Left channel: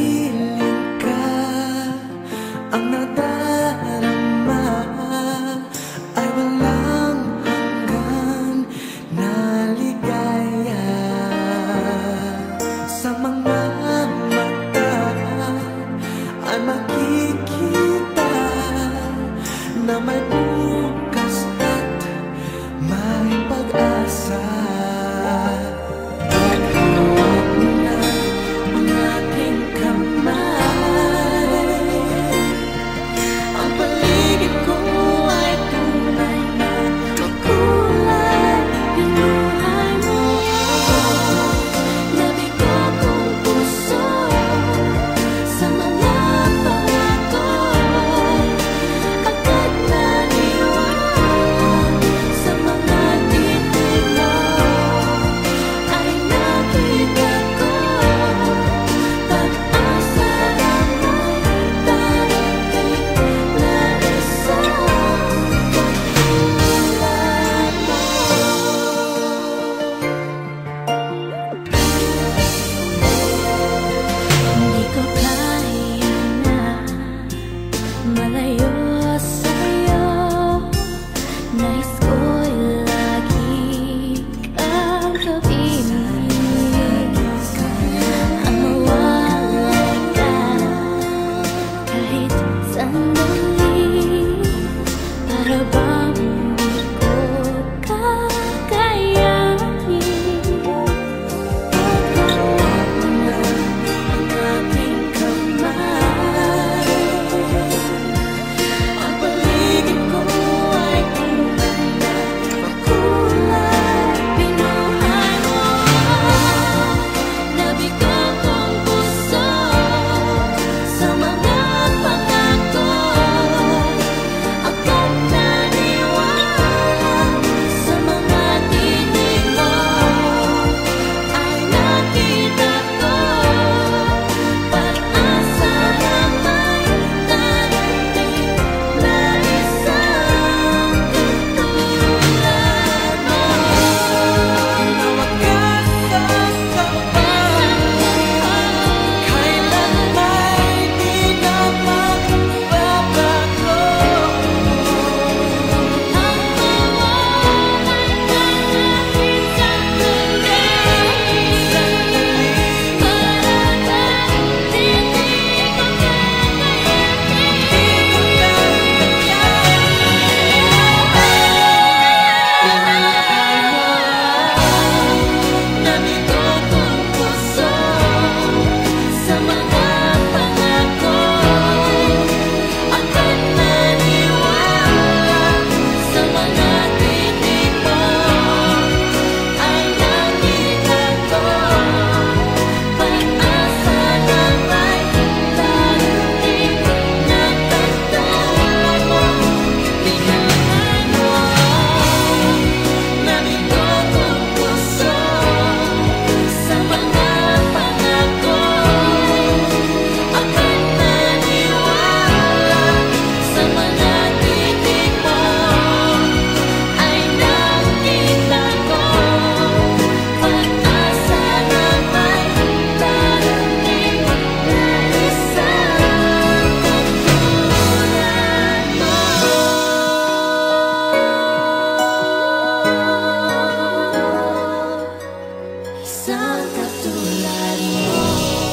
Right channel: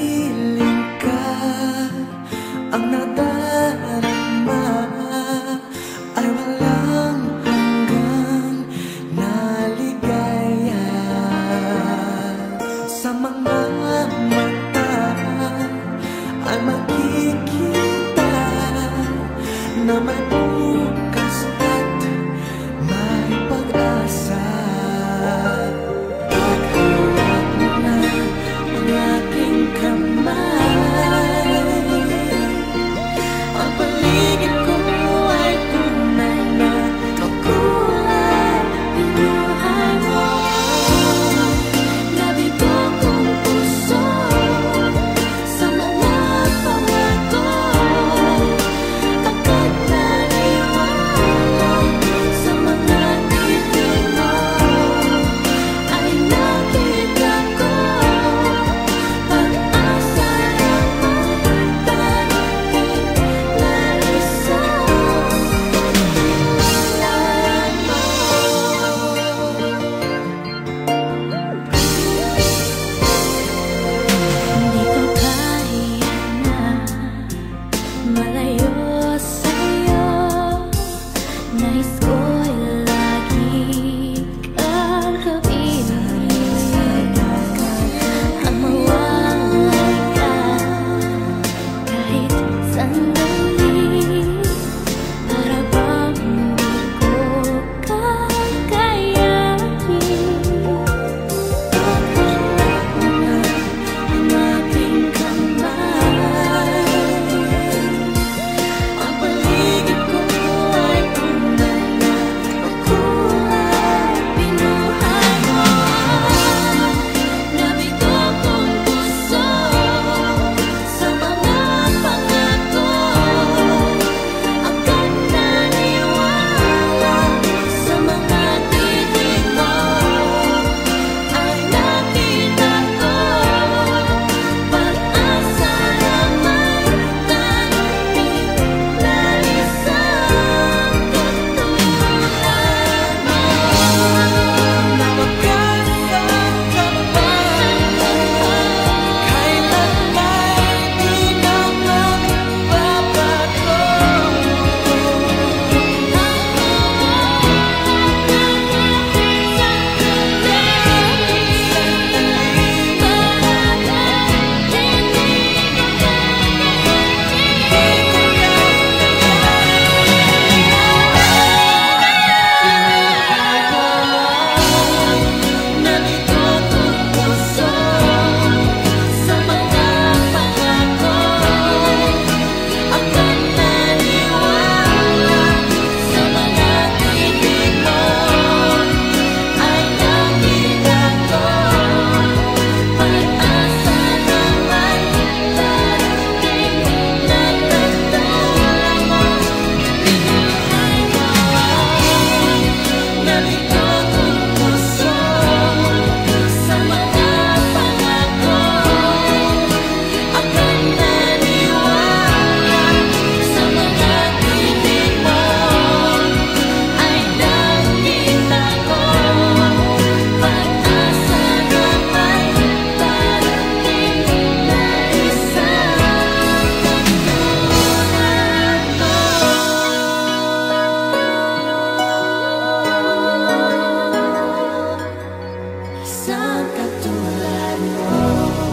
piling ka, ang nadarama ay walang hanggan na ligaya. Sa mga mata ay makikita na may bukas at may pag-asa. Paghawak mo na ang aking kamay, ang paligid ko ay tunay na makulay. Pinuhay mo nabigo kong puso sa mga pangako'y agad naniwala. Sa mga titig mo ay nakita ko pag-asa na may darating na isang katulad mo. Hindi ko kaya na malayo sa'yo, nais ko'y lagi kang kapiling. Ang mawalay ka kahit sandali, para bang di ko kakayanin. Paghawak mo na ang aking kamay, ang paligid ko ay tunay na makulay. Pinuhay mo nabigo kong puso sa mga pangako'y agad naniwala. Sa mga titig mo ay nakita ko pag-asa na may darating na isang katulad mo. Na wagas ang kababayan, kailan may di na magbabago. Ang mawalay ka kahit sandali, para bang hindi ko kakayanin. Pinuhay mo nabigo kong puso sa mga pangako'y agad naniwala. Sa mga titig mo ay nakita ko pag-asa na may darating na katulad mo. Pinuhay mo nabigo kong puso sa mga pangako'y agad naniwala. Sa mga titig mo ay nakita ko pag-asa na may darating na isang katulad mo. Isang katulad mo.